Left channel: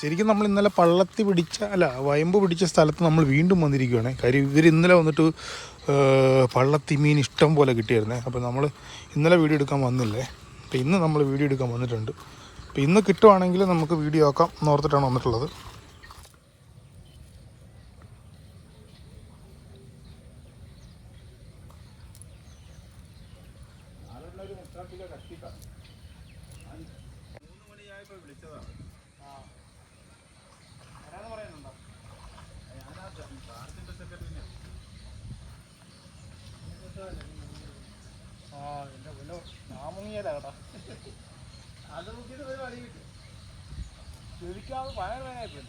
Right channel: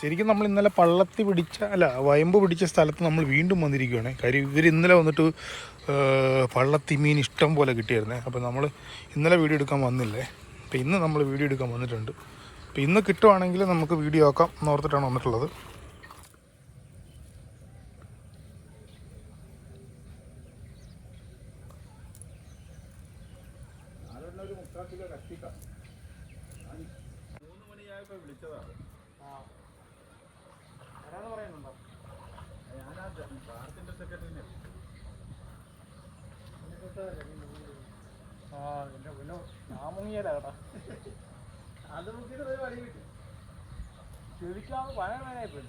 ശരിക്കും നമ്മൾ ഇന്നലെ വയമ്പ് പിടിച്ച സ്ഥലത്ത് നമ്മൾ വീണ്ടും വന്നിരിക്കുകയാണ്. കാര്യം ഇവർ ഇന്നലെ വന്നിട്ട് പള്ളത്തി മീൻ ഇഷ്ടം പോലെ കിട്ടിയായിരുന്നേ. അപ്പോൾ നമ്മൾ ഇന്നലെ വീഡിയോ എടുക്കാൻ വന്നില്ലേ. അപ്പോൾ ഇന്ന് നമ്മൾ വീഡിയോ എടുക്കാൻ വന്നിട്ടുണ്ട്. അപ്പോൾ ഇന്ന് കിട്ടുവാണെങ്കിൽ നമുക്ക് വീഡിയോ ആക്കാം എന്നോർത്തിട്ടാണ് വന്നിട്ടുള്ളത്. അത് നോക്കിയിട്ട് പോയി വഴി കിട്ടും. ചുരുക്കാവ് പഴയതായിട്ട്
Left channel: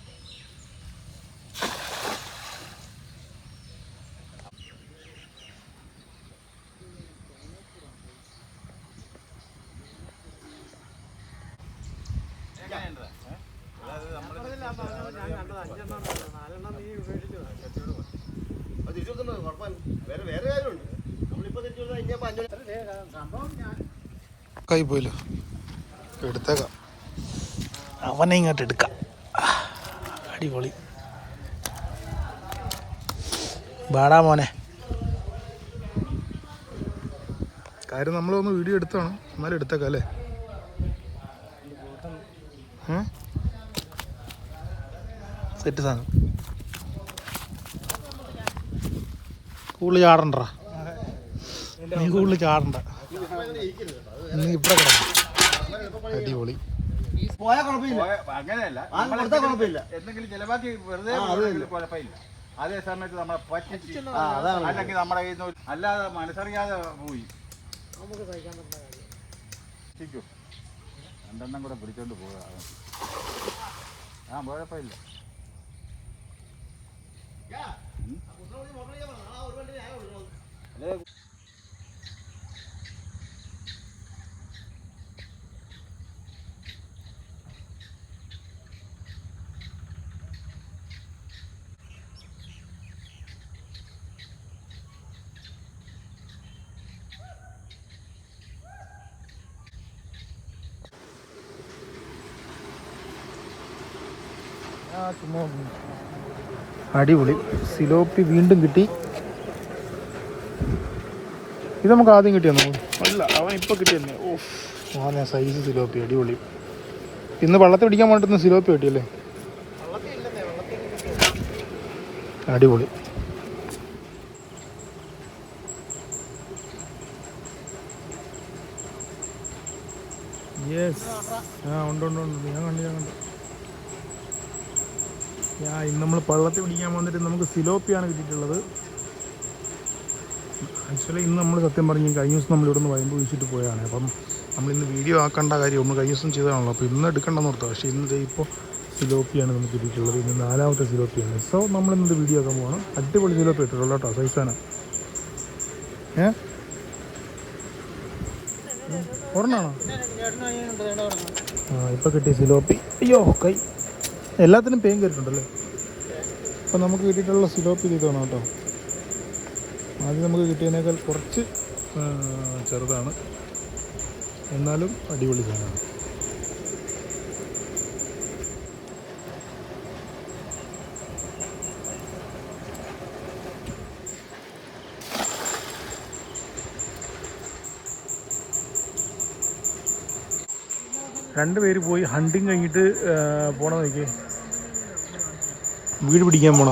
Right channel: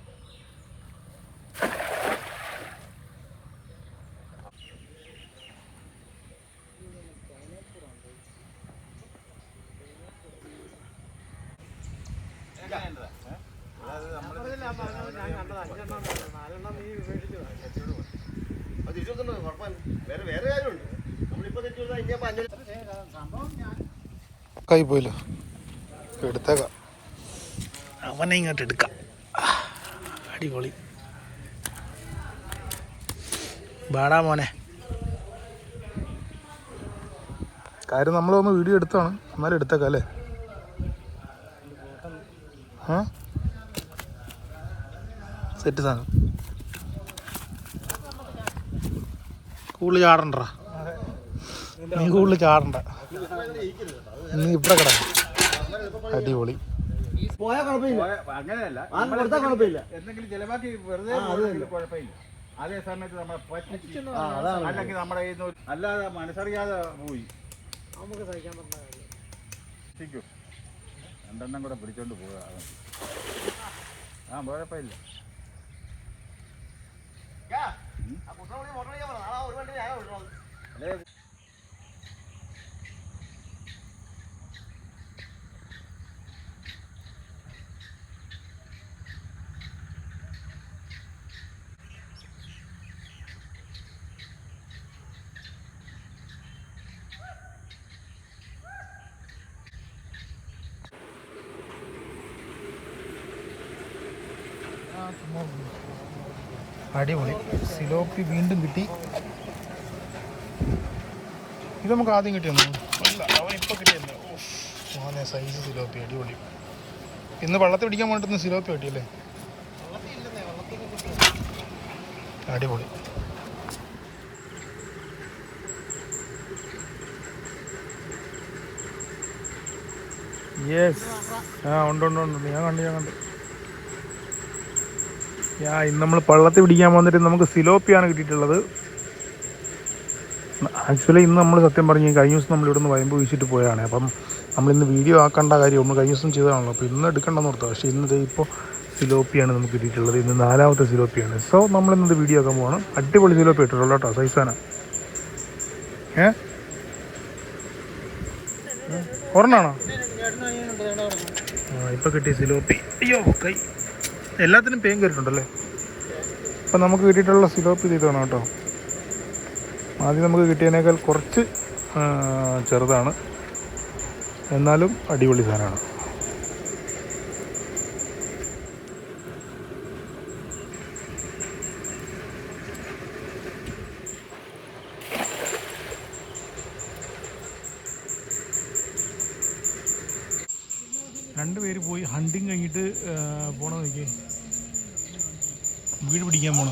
കൈ പോയില്ലോ, എടുത്തേക്കാം. അവനെ ഇങ്ങോട്ട് എടുക്കാം. അടിപൊളി. ബാടാ മോനെ. കാര്യം നമ്മളൊന്ന് വീഡിയോ എടുത്താണ്, എന്നാലും എടുത്തേക്കാം അല്ലേ. സെറ്റ് സാധനം. കൂടുതൽ ചാടണ്ട, നീ കൂടുതൽ ചാടണ്ട, നീ ഇവിടെ കിടക്കണം. അടിപൊളി. അങ്ങനെയല്ല, എന്തെങ്കിലും ചിലവാക്കി വെറുതെ കുഴപ്പമില്ല. അതേ സമയത്ത് നമ്മളെ പറ്റിച്ച് അല്ലെങ്കിൽ നമ്മുടെ അല്ലാതെ മനസ്സറിയാതെ പോയി നമുക്ക് സഹിക്കാൻ പറ്റില്ല. രണ്ടെണ്ണം കൂടെ പിടിച്ചോണ്ട് പോവുക. കുഴപ്പമില്ല. അടിപൊളി. സിലോപ്പി വീണ്ടും കിട്ടി. ഇത് നമുക്ക് ആദ്യം കിട്ടിയെന്നോ? അല്ല, അവൻ ഇപ്പോൾ കിട്ടിയെന്നു. ഓ, സൈസ് സിലോപ്പി. അടിപൊളി. ഇന്ന് വള്ളത്തിൽ പിടിക്കാൻ വേണ്ടിട്ട് സിലോപ്പി കിട്ടിയല്ലേ? അടിപൊളി. യെസ്. ഉണ്ട്. ഞാൻ കണ്ടു. ഇന്ന് നമ്മൾ പള്ളത്തിൽ പിടിക്കാൻ വന്നിട്ട് നമുക്ക് സിലോപ്പിയാണ് കിട്ടിയിട്ടുള്ളത്. ആക്ച്വലി ഇന്ന് നമ്മൾ സത്യം പറഞ്ഞ് കഴിഞ്ഞ ദിവസം നമ്മളിവിടെ നിന്ന് വയമ്പ് വീശിട്ട് പോയാണ്. അപ്പം നമ്മളിന്ന് വീഡിയോ ആക്കേണ്ട കാര്യം നമ്മൾ കഴിഞ്ഞ ദിവസം ചെയ്തതാണല്ലോ. അപ്പോൾ ഇന്ന് എടുക്കണ്ടെന്ന് ഓർത്താം. പക്ഷേ ഇന്ന് ഇപ്പോൾ സിലോപ്പിയാണ് നമുക്ക് കിട്ടിയിട്ടുള്ളത്. ഇന്ന് 4ാമത്തെ സിലോപ്പിയാണ്. സോ നമ്മളിന്നത് വീഡിയോ ആക്കാൻ പോവാണ്. അടിപൊളി സിലോപ്പി ഇട്ടിട്ടുള്ളൂ കേട്ടോ, സൈസാന. ഒരെണ്ണാണോ? ഇപ്പോൾ കിട്ടിയ സിലോപ്പി. അയ്യോ, കൈ എല്ലാത്തിനും പേൻ കയറിയിട്ടുണ്ടല്ലേ. അപ്പം നമുക്ക് കിട്ടിയിട്ടുള്ള സിലോപ്പി ഇതാണ് കേട്ടോ. ആദ്യം നമുക്ക് കിട്ടിയതിനേക്കാൾ കുറച്ച് ചെറുതാണ്, എന്നാലും അടിപൊളി സാധനമാണ്. രണ്ടുപേര് പോയി ഹണ്ടിങ് കഴിഞ്ഞിട്ട് പോകണം. നോക്കി വീട് പിടിക്കാൻ പോണ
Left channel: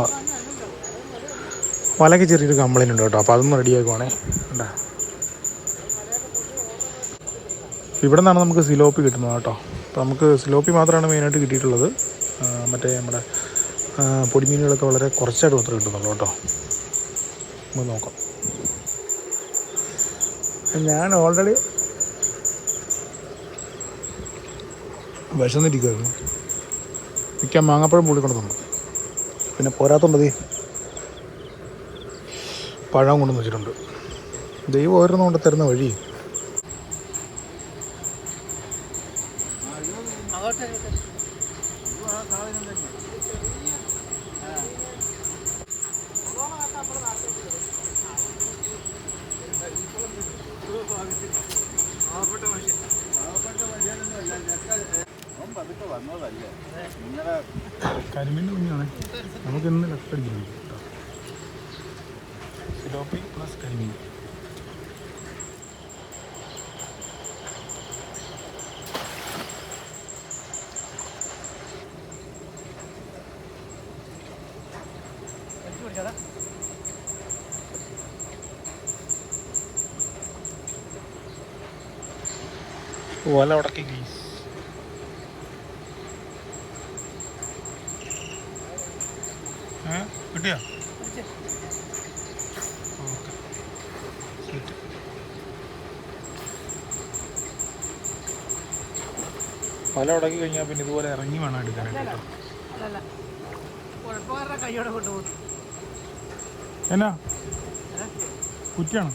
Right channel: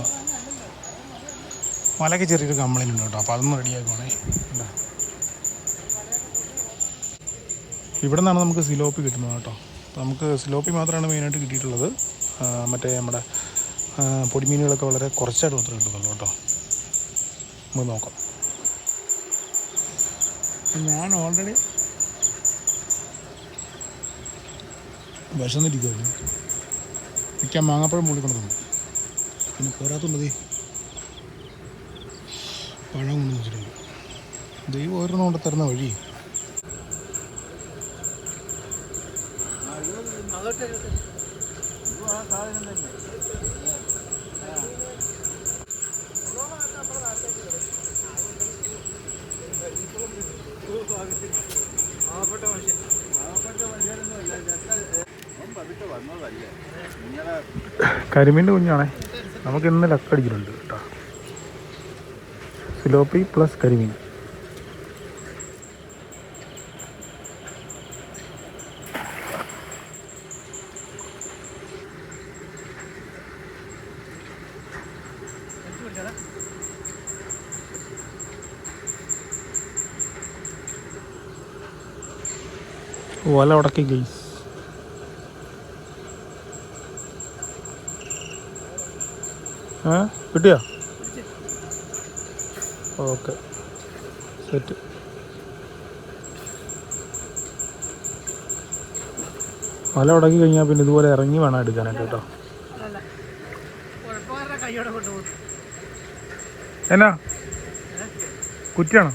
വലയ്ക്ക് ചെറിയൊരു കംപ്ലൈൻറ്റ് ഉണ്ട് കേട്ടോ. അപ്പോൾ അതൊന്ന് റെഡിയാക്കുവാണേ. കണ്ടാ, ഇവിടെ നിന്നാണ് നമുക്ക് സിലോപ്പി കിട്ടുന്നത് കേട്ടോ. അപ്പോൾ നമുക്ക് സിലോപ്പി മാത്രമാണ് മെയിനായിട്ട് കിട്ടിയിട്ടുള്ളത്. മറ്റേ നമ്മുടെ പൊടിമീനുകളൊക്കെ വളരെ കുറച്ചായിട്ട് മാത്രമേ കിട്ടുന്നുള്ളൂ കേട്ടോ. നമുക്ക് നോക്കാം. ഞാൻ ഓൾറെഡി വിശന്നിരിക്കുമായിരുന്നു. മിക്കാൻ മാങ്ങാപ്പഴം പൊളിക്കൊണ്ടതുണ്ട്. പിന്നെ പോരാത്തുണ്ടത് പഴം കൊണ്ടുവന്ന് വെച്ചിട്ടുണ്ട്. ദൈവം ഓരോന്നും കൊണ്ട് തരുന്ന വഴി. പാവപ്പെട്ട മനുഷ്യനൊന്നുമല്ല. വന്നതല്ലേ നിങ്ങളെ കരിമീൻ്റെ കുഞ്ഞാണേ. നമുക്ക് ഇന്ന് ലക്കടിക്കുന്നുണ്ട് കേട്ടോ. സിലോപ്പി പ്ലസ് കരിമീൻ. വല ഉടക്കി ഗെയ്സ്. കിട്ടിയോ? Okay set. വല ഉടക്കി കഴിഞ്ഞാൽ പിന്നെ ഇതുപോലെ ഇറങ്ങി വേണം എടുക്കാനായിട്ട് കേട്ടോ. എന്നാ കുറ്റിയാണോ?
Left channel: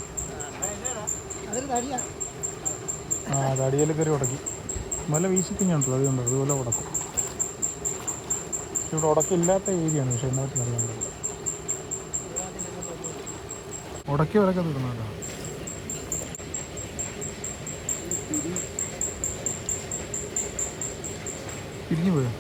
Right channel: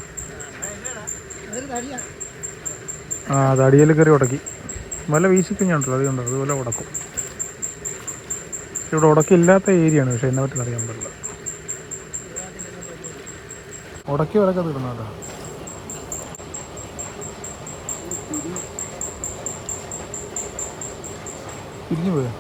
ആ തടിയിൽ കയറി ഉടക്കി. വല വീശിക്കഴിഞ്ഞാണ്ടല്ലോ അതുകൊണ്ടോ അതുപോലെ ഉടക്കും. ഇവിടെ ഉടക്കില്ലാത്ത ഏരിയയാണ്, പക്ഷെ എന്നെ പറ്റി അറിയാൻ പറ്റില്ല. ഉടക്കി വലക്കെ തീർന്നല്ലോ. പിരിഞ്ഞു പോയോ?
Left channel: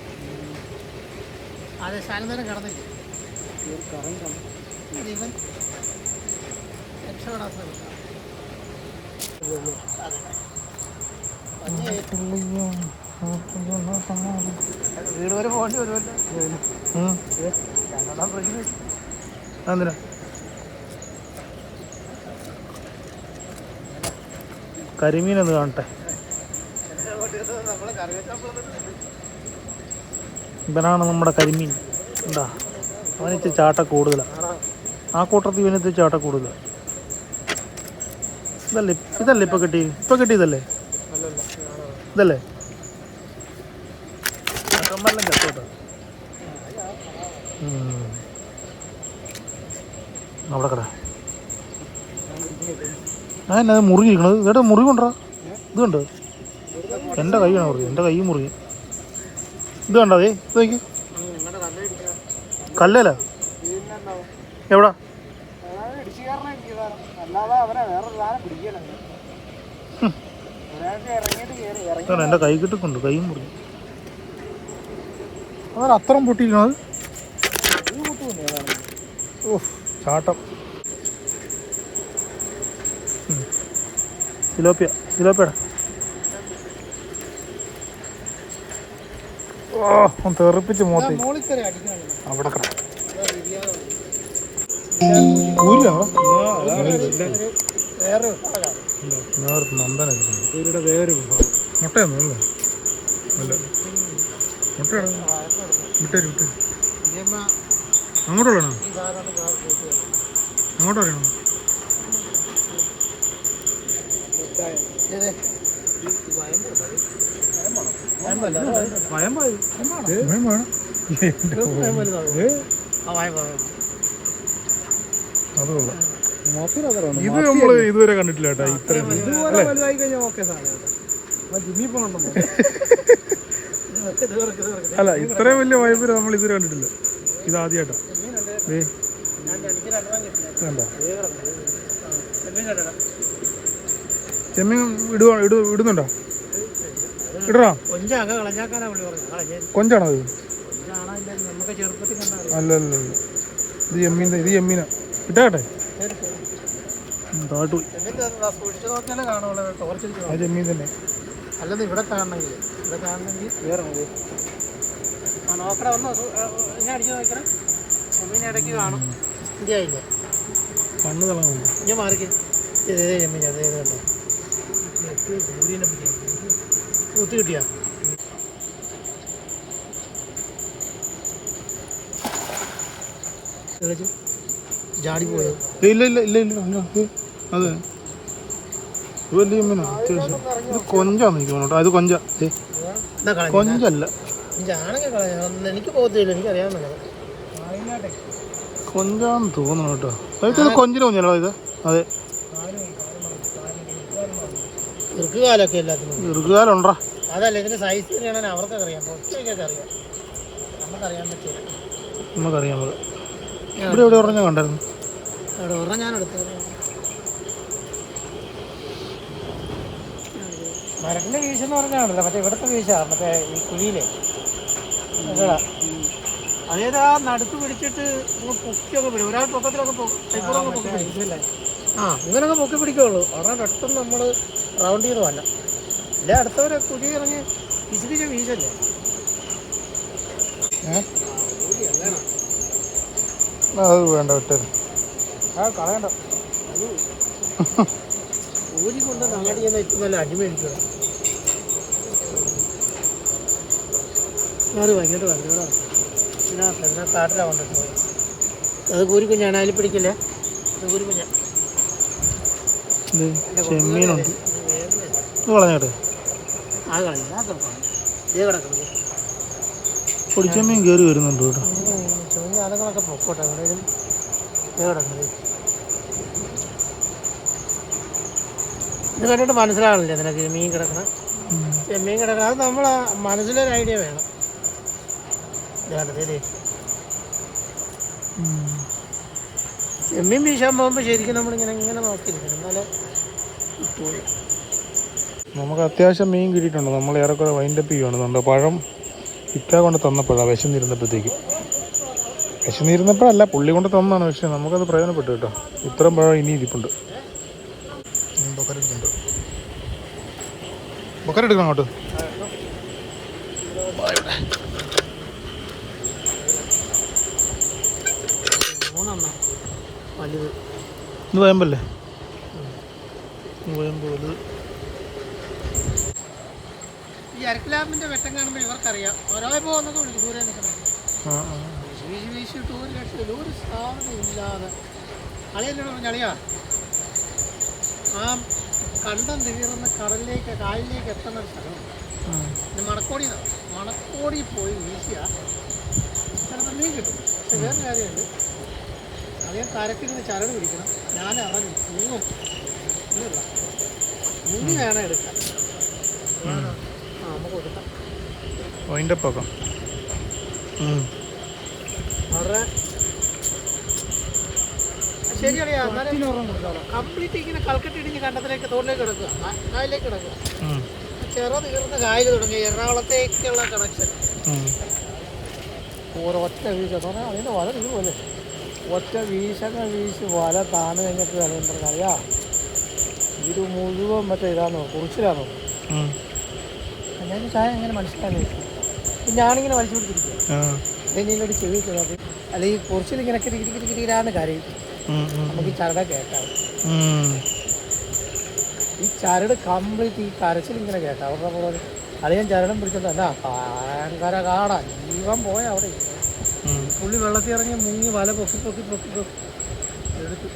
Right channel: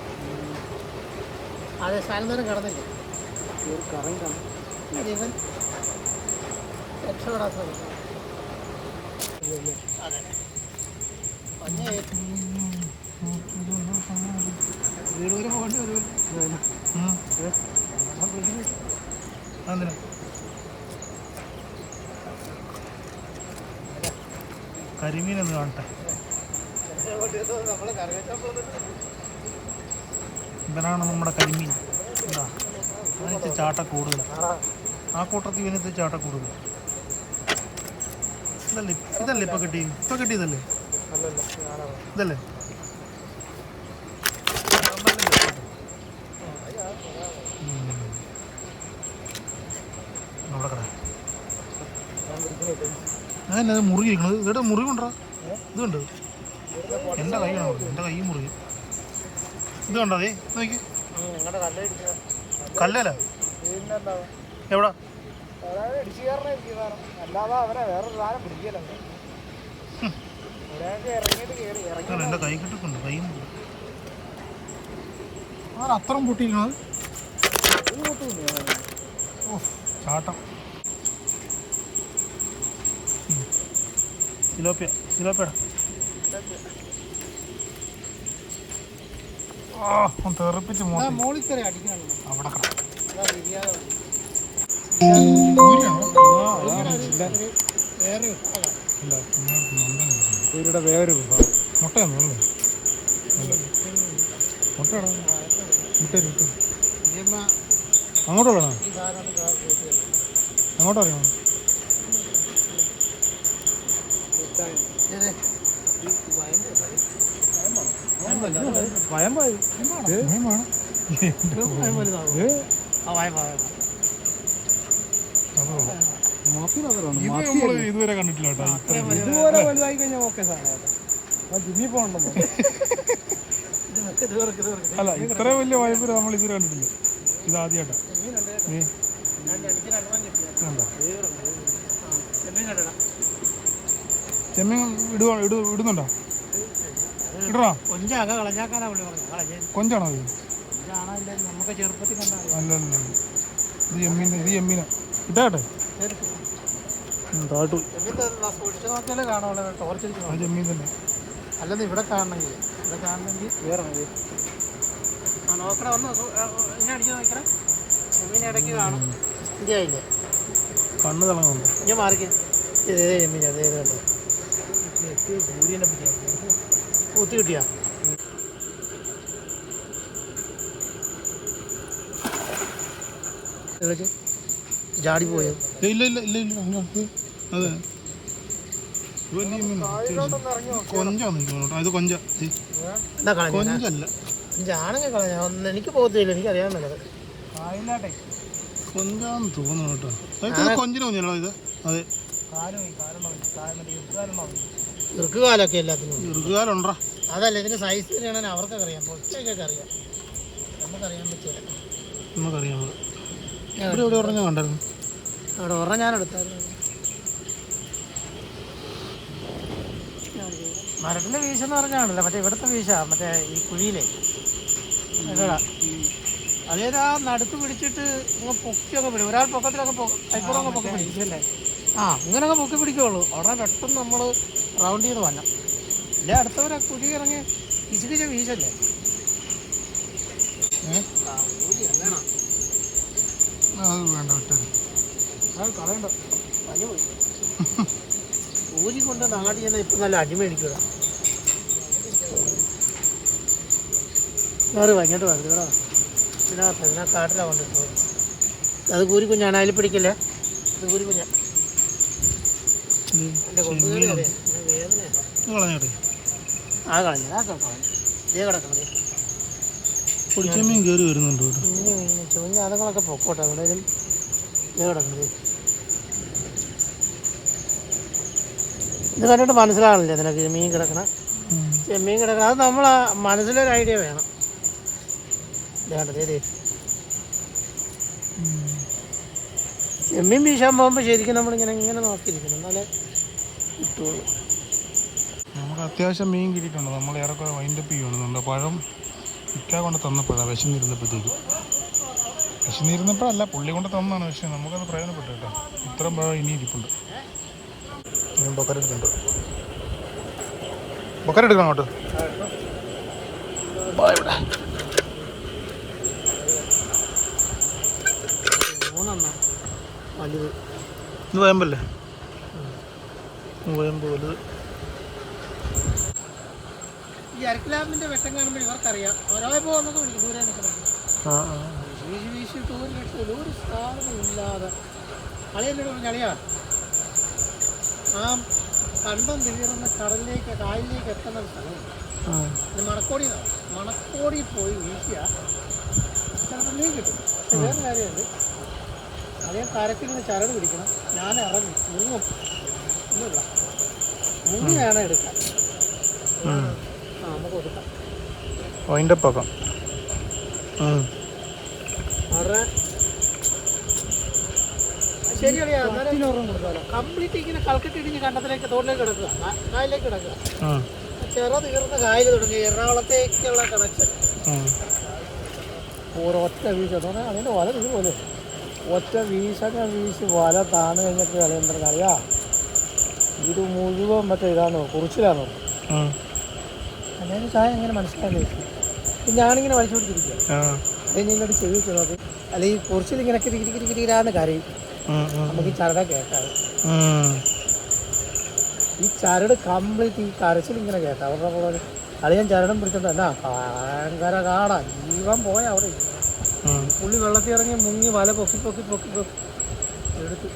വീട് വരെ പോകേണ്ടി വരുമല്ലോ. എന്തിനാ? കരിമീനൊന്ന് കാണട്ടെ. ഇവനാണ് നമ്മുടെ കരിമീൻ. എന്താ അവനിച്ച് ചാട്ട കൂടുതലാണ്. ആ കൂട്ടത്തിൽ ഇവനത്ത് ചാട്ട കൂടുതലാണ്. ഇതല്ലേ ഇപ്പൊ കിട്ടിയതല്ലേ? ഇതല്ലേ? അവിടെ കട അത് മുറിയിരിക്കണത്. ചേട്ടാ മുറി കൊണ്ടാ ഇത് കണ്ടോ? എൻ്റെ കൈയാണ് മുറി. എൻ്റെ കൈ മുറിയും. ഇത് കണ്ടോ? അതേ ഇത് നോക്കി. കല്ലല്ല എവിടാ? എൻ്റെ കൈ കിട്ടുന്നുണ്ട്. കൈ മുറി. അവൻ അത്രയും പൊട്ടിയിരിക്കണത്. ചാട്ടം. സിലോപ്പിയടാ. തെറിപ്പിച്ച് മോത്തി അവിടെ നന്ദന വേറെ മുട്ടയൊന്നും മുട്ടയാണ്. വിട്ടേരും അങ്ങോട്ടുള്ളതാണോ? അങ്ങോട്ട് അറിയണോ? ഇത് നമ്മള് ഇതുവരെ കണ്ടിട്ടില്ല കേട്ടോ. അല്ല ഇത്രയും വലിയ വയമ്പ് നമ്മൾ ഇതുവരെ കണ്ടിട്ടില്ല. ഇത് ആദ്യമായിട്ടാ. ചെമ്മീൻ ഇടുന്നുണ്ടോ? ഇടണോ? കൊഞ്ചാണോ അത്? അല്ലല്ല ഇത് ചെമ്മീനാ. ഇട്ടാട്ടെ താട്ടു. അത് ചെമ്മീൻ തന്നെ. അല്ലെന്ന് ഇവിടെ കാണണമെങ്കിൽ വേറെ നോക്കണ വന്നോ? ഇങ്ങനെ അടിച്ചു നോക്കണം. ചെമ്മീൻ ഇടയ്ക്ക് കാണും. ഇന്ത്യയില്ലേ കണ്ണ് തളങ്ങുന്നു. ഞാൻ മാറിക്ക്. ചെമ്മീൻ അതേതല്ലേ കൂത്തി കിട്ടിയാ? ജാടി പോയോ? ഇല്ല അതെ വലിയ മീനാ. ഇത് കൊഞ്ചാന്ന് എനിക്ക് തോന്നുന്നു. അത് കൊഞ്ചല്ല. എനിക്ക് പോകത്തില്ല. എനിക്കറിയാൻ മേല. കൊഞ്ചാന്ന് തോന്നുന്നു കേട്ടോ. ഇത് കൊഞ്ചിന് കുഞ്ഞല്ലോ ഇത്. അതെ ഇറുക്കുകാലൊക്കെ എല്ലാത്തിനും ഇറുക്കുകാലുണ്ടാ. അതല്ല ഇതിന്റെ സൈസ് അറിയണമെങ്കിൽ അവർക്കൊക്കെ അറിയാം. പൊച്ചയ്ക്കൊക്കെ അറിയാം. നമുക്കറിയാൻ പറ്റില്ല. നമുക്കറിയാൻ പറ്റും. ഇവിടെ എവിടെ പറഞ്ഞാൽ കണ്ടായിരുന്നു. അവിടെ ഒരെണ്ണം ഞാൻ എടുത്തായിരുന്നു. മരത്തിന്റെ വീശെന്ന് പറഞ്ഞാണല്ലോ മറ്റേ ഇവിടുത്തെ വീശ മറ്റേ ഈ കുഴിയിലെ അതേതാ നടുത്ത് പിടിച്ചിട്ട് പൊക്കിയൊക്കെ പിടിക്കും. ഒരാൾ പൊക്കത്തിലൊക്കെ കൈക്കൂടൊക്കെ പൊക്കി പിടിക്കില്ലേ? ഇങ്ങനൊക്കെ പൊക്കി പിടിക്കുള്ളൂ. അവിടെ പെട്ടെന്ന് നമ്മൾ റൗണ്ട് ചെയ്ത് വല്ല ഇല്ല അടുത്തവരെ കുഴി ഇറങ്ങി പിശുപിച്ച വീശല്ലേ. അത് വേണ്ട വിട്ടേ. കളയണ്ട ഊരി കൊണ്ട് നാടി ചെന്നാൽ ഇപ്പം നല്ല അടിമേടിക്കുക. അത് ഭയങ്കര വണ്ടികളോ ഇതിനകത്ത് കാട്ടിലാണ് കൊണ്ടിട്ട് പോയി. അത് കൂരിക്കുഞ്ഞാണ്, അതിൽ പിടിക്കില്ലേ? അത് കൂരിക്കുഞ്ഞ ചെമ്മീനുണ്ട് കളഞ്ഞോട്ടെ. ആ കളഞ്ഞ ഇതേ കിടക്കണം. പൊടിച്ചെമ്മീൻ കയറി വരുന്നുണ്ട് കേട്ടോ. ചെമ്മീൻ അതുങ്ങളൊക്കെ പൊക്കോട്ടെ. എവിടെയും ഇതേ കിടക്കുന്നത് ഇത് കണ്ടിട്ട് മനസ്സിലാവില്ലേ നിനക്ക് മീൻ കിടക്കണം? ചെമ്മീൻ കിടക്കണം. അത് നമ്മളെ മനസ്സിലൊരു ഐഡിയ വേണം. ചെമ്മീൻ വീശാൻ പോകുമ്പോൾ ശരിക്കും നമ്മളിങ്ങനെ ഇങ്ങനെ നോക്കിയിരിക്കണം, എന്നാലേ കിട്ടുള്ളൂ. നമുക്ക് അത്യാവശ്യം മീൻ കിട്ടിയിട്ടുണ്ട്. നമ്മൾ ഏറെക്കുറെ വൈൻഡപ്പ് ചെയ്യുകയാണ്. പഴം ഇക്ക കൊണ്ട് തന്നപ്പോഴാണ് വിശന്നിരുന്നപ്പോഴത്തേക്ക്. വിശന്നിരുന്നപ്പോഴല്ല, പുള്ളി കൊണ്ട് തന്നതാണ്. പക്ഷേ നമുക്കത് പ്രയോജനപ്പെട്ടു കേട്ടോ. ഇത്രയും പഴം ഇനി ഇരിപ്പുണ്ട്. ഞാൻ ബക്കരെടുക്കുന്നുണ്ട്. ബക്കരെടുക്കണം അങ്ങോട്ട്. ഇത് വയമ്പല്ലേ? വയമ്പ് വലുത്. ഈ അരക്കിലാമ്പിന്റെ വെട്ടം കാണുമ്പോൾ ഇവർക്കറിയാം ഓരോ പോകുന്നൊക്കെ വിളിക്കും. ദൂരെ നിൽക്കണം വീശി വീശിട്ട് ഒരു രക്ഷയില്ല, ഒരു സാധനം ഇല്ലാതെ. കളിയെന്നോട് പറഞ്ഞു കളിയാ ആ കണ്ടം തീർന്ന കടലിലേക്ക് കായലിലേക്ക് എത്തുന്ന ഒരു സ്ഥലമുണ്ട്. ഇത് മണക്കോടി പോയി വീശിയ ചിലപ്പോൾ മീൻ കിട്ടും. പക്ഷെ വേറെ കാര്യമുണ്ട്, അദ്ദേഹം കരക്കിങ്ങനെ ചരട് പിടിക്കണം. ഞാൻ ഇറങ്ങി മുങ്ങും ഇല്ല മുങ്ങി വേണം എടുക്കാൻ. നമുക്ക് കൊടുക്കാം വളരെ ശരിയറിയാ. കംപ്ലീറ്റ് ഇങ്ങനെ കൽക്കട്ടിടിഞ്ഞ് കണ്ടത്തിലേക്ക് തോട്ടിലേക്ക് കിടക്കുക, കായലിലേക്ക് കിടക്കുക. ചെറു തീർന്ന കായൽ തുടങ്ങി എറണാകുളത്തേക്കുള്ള കണക്ഷൻ. ഒറ്റ വീശ അതിൻ്റെ വല ഇതുപോലെ ഒറ്റ വീശൊക്കെ വീശ് വല താന്ന് കഴിഞ്ഞപ്പോൾ അറിയാൻ അറിയാ ഇത് മുഴുവൻ മറ്റേ ഇതാണോ കുറിച്ചിലാണോ? അല്ലെങ്കിൽ ചായ എങ്ങനെ മനസ്സിലാക്കി പിന്നെ ആണിങ്ങനെ വലിച്ചു പിടിച്ചിരിക്കും. അതിനോട് ചെവിക്കുന്നത് അല്ലെങ്കിൽ കുറിച്ചിൽ ഇങ്ങനെ കിരികിരികിരികിരാന്ന് കരയും. നമുക്ക് ഈ ചരട കേൾക്കാവും. ഈ ചരട് കംപ്ലീറ്റ് ഈ കരച്ചിൽ ഇങ്ങനെ കേൾക്കാം. അവരുടെ അളിയൻ ചരടം പിടിച്ചോണ്ട് എന്നാ ഭയങ്കര കാടാ, ജീവൻ പോയ അവിടെ. പുള്ളി വെള്ളത്തിൽ ഇറങ്ങി മുങ്ങി വല പൊക്കി പൊക്കി പൊക്കി പൊക്കി എടുത്ത്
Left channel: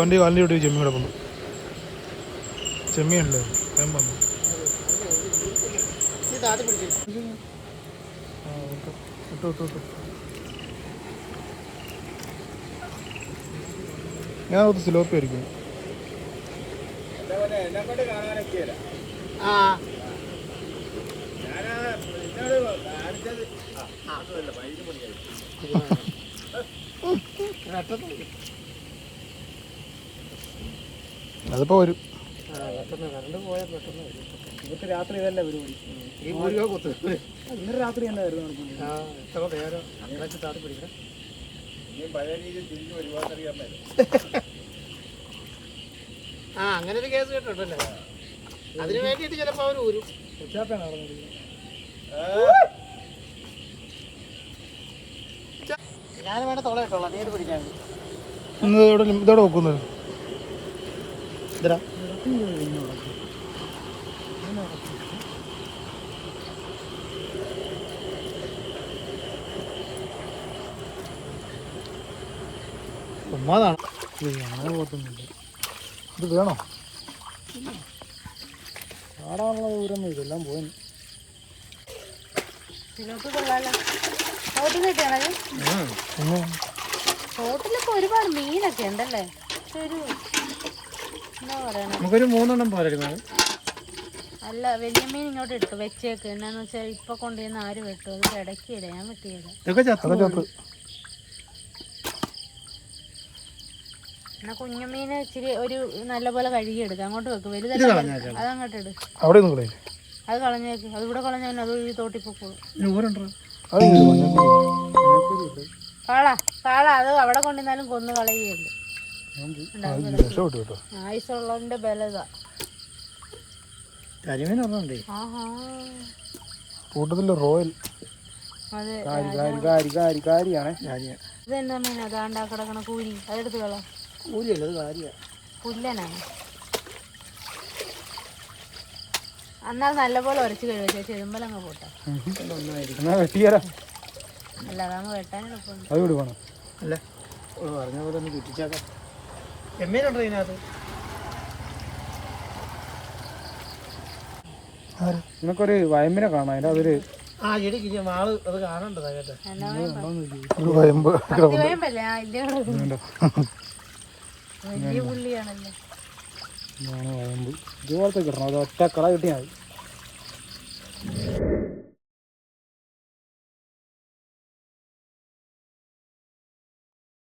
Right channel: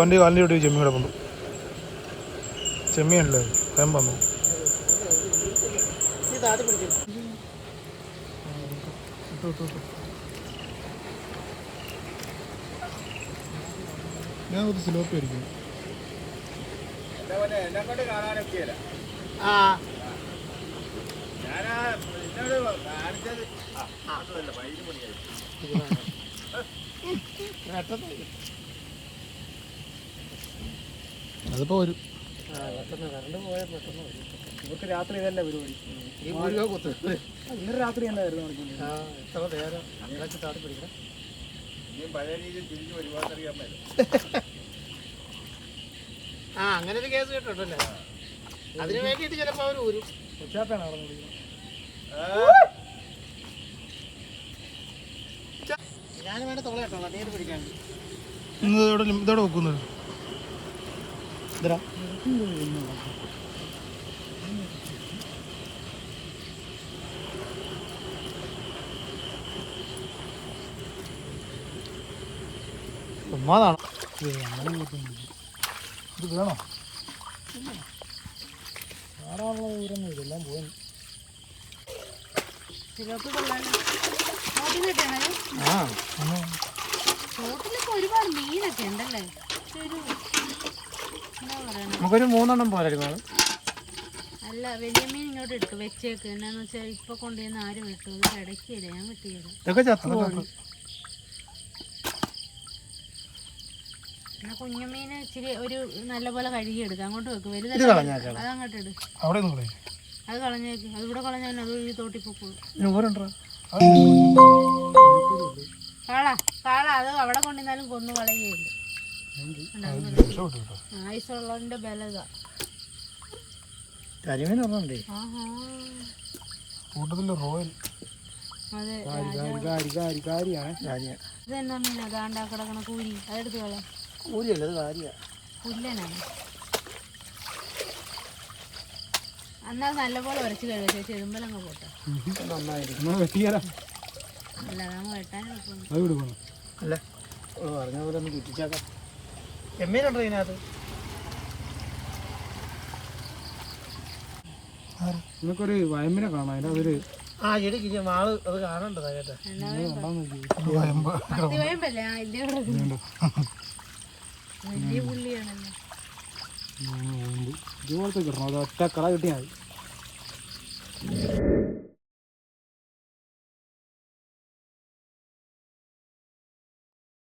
വണ്ടി കാലിൻ്റെ ചെമ്മീൻ കിടക്കുന്നു. ചെമ്മീനല്ലേ ഭയം വന്നു. ഇതാദ്യം പിടിച്ചു ഞാൻ ഒരു സിലോപ്പി ആയിരിക്കും. അതിപ്പോ വരും. കറണ്ട് പോയാൽ പെട്ടെന്ന് വരും. ഇവർക്ക് രാത്രി ഇതല്ല പരിപാടി. ഇന്നലെ രാത്രി തന്നെ വരുന്നു. പിടിക്കണം. അങ്ങനെ ഒരു കേസ് കേട്ടിട്ടല്ലേ? അതിന് വേണ്ടിയിട്ട് ചിലപ്പോൾ അവർ ഊരും. ഞാൻ വേണ്ട തുള കേട്ടോളാം നീര് പിടിക്കാൻ. ഇതോടെ വെക്കുന്നത് ഉമ്മാതാണ്. അങ്ങനെ പോകത്തൊന്നുമില്ല. ഇത് വേണോ? പാടാനുള്ള ദൂരൊന്നും ഇതെല്ലാം പോകുന്നു. ബോട്ടിലൊക്കെ ഒരുപാട് മീനൊക്കെ ഉണ്ടല്ലേ? നമുക്കൊരു 3 എണ്ണം പോരായിരുന്നു. അല്ല വലിയ മീൻ ഇങ്ങോട്ട് എടുക്കും വെച്ചേക്ക്. എന്നാന്ന് വെച്ചാൽ ഇപ്പൊ കൊണ്ടുവന്ന് ആര് വെട്ടും? അത് ഇടയ്ക്കില്ല, ഞാൻ വെട്ടിയത്. എന്നാ കുഞ്ഞുമീന് ഇച്ചിരി ഒരു നല്ലപോലെ കഴുകിയെടുക്കാം. അങ്ങോട്ട് വെക്ക്. വലുത് അതങ്ങോട്ട് ഇട്. അവിടെ ഒന്നും കളയില്ലേ? അത് കളഞ്ഞേക്ക്. അത് ഇവിടെ കളഞ്ഞാൽ അത് ഈ തോട്ടി പൊക്കോളൂ. കാള അത് അവിടെ കൊണ്ടിരുന്നാലും കൊന്നു കളയുകയുള്ളു. ആയുസുള്ളതിന്റെ ബലത. കൂട്ടത്തില് റോയൽ. അതെ ഇതെന്താ മീൻ? അതാണ്ടാ കിടക്കണ കൂരി. അതെടുത്ത് കള. പുല്ലനാണ്. എന്നാൽ നല്ലപോലെ ഉരച്ച് കഴിവ ചെതുമ്പലങ്ങ് പോട്ടെ. അല്ല അതങ്ങ് വെട്ടാൻ എളുപ്പമുണ്ട്. ചെമ്മീനുണ്ടോ ഇതിനകത്ത്? നിനക്കൊരു വയമ്പിനെ കാണാം. അതിൻ്റെ അതൊരു ആ ഇടിക്ക് വാള് അത് കാണണ്ടതാ കേട്ടോ. വയമ്പ് വയമ്പല്ലേ? വലിയ പുള്ളിയാണല്ലോ. വയമ്പ് ഇതുപോലത്തെ കിട്ടണം. അത് ഒറ്റ കള കിട്ടിയാൽ മതി.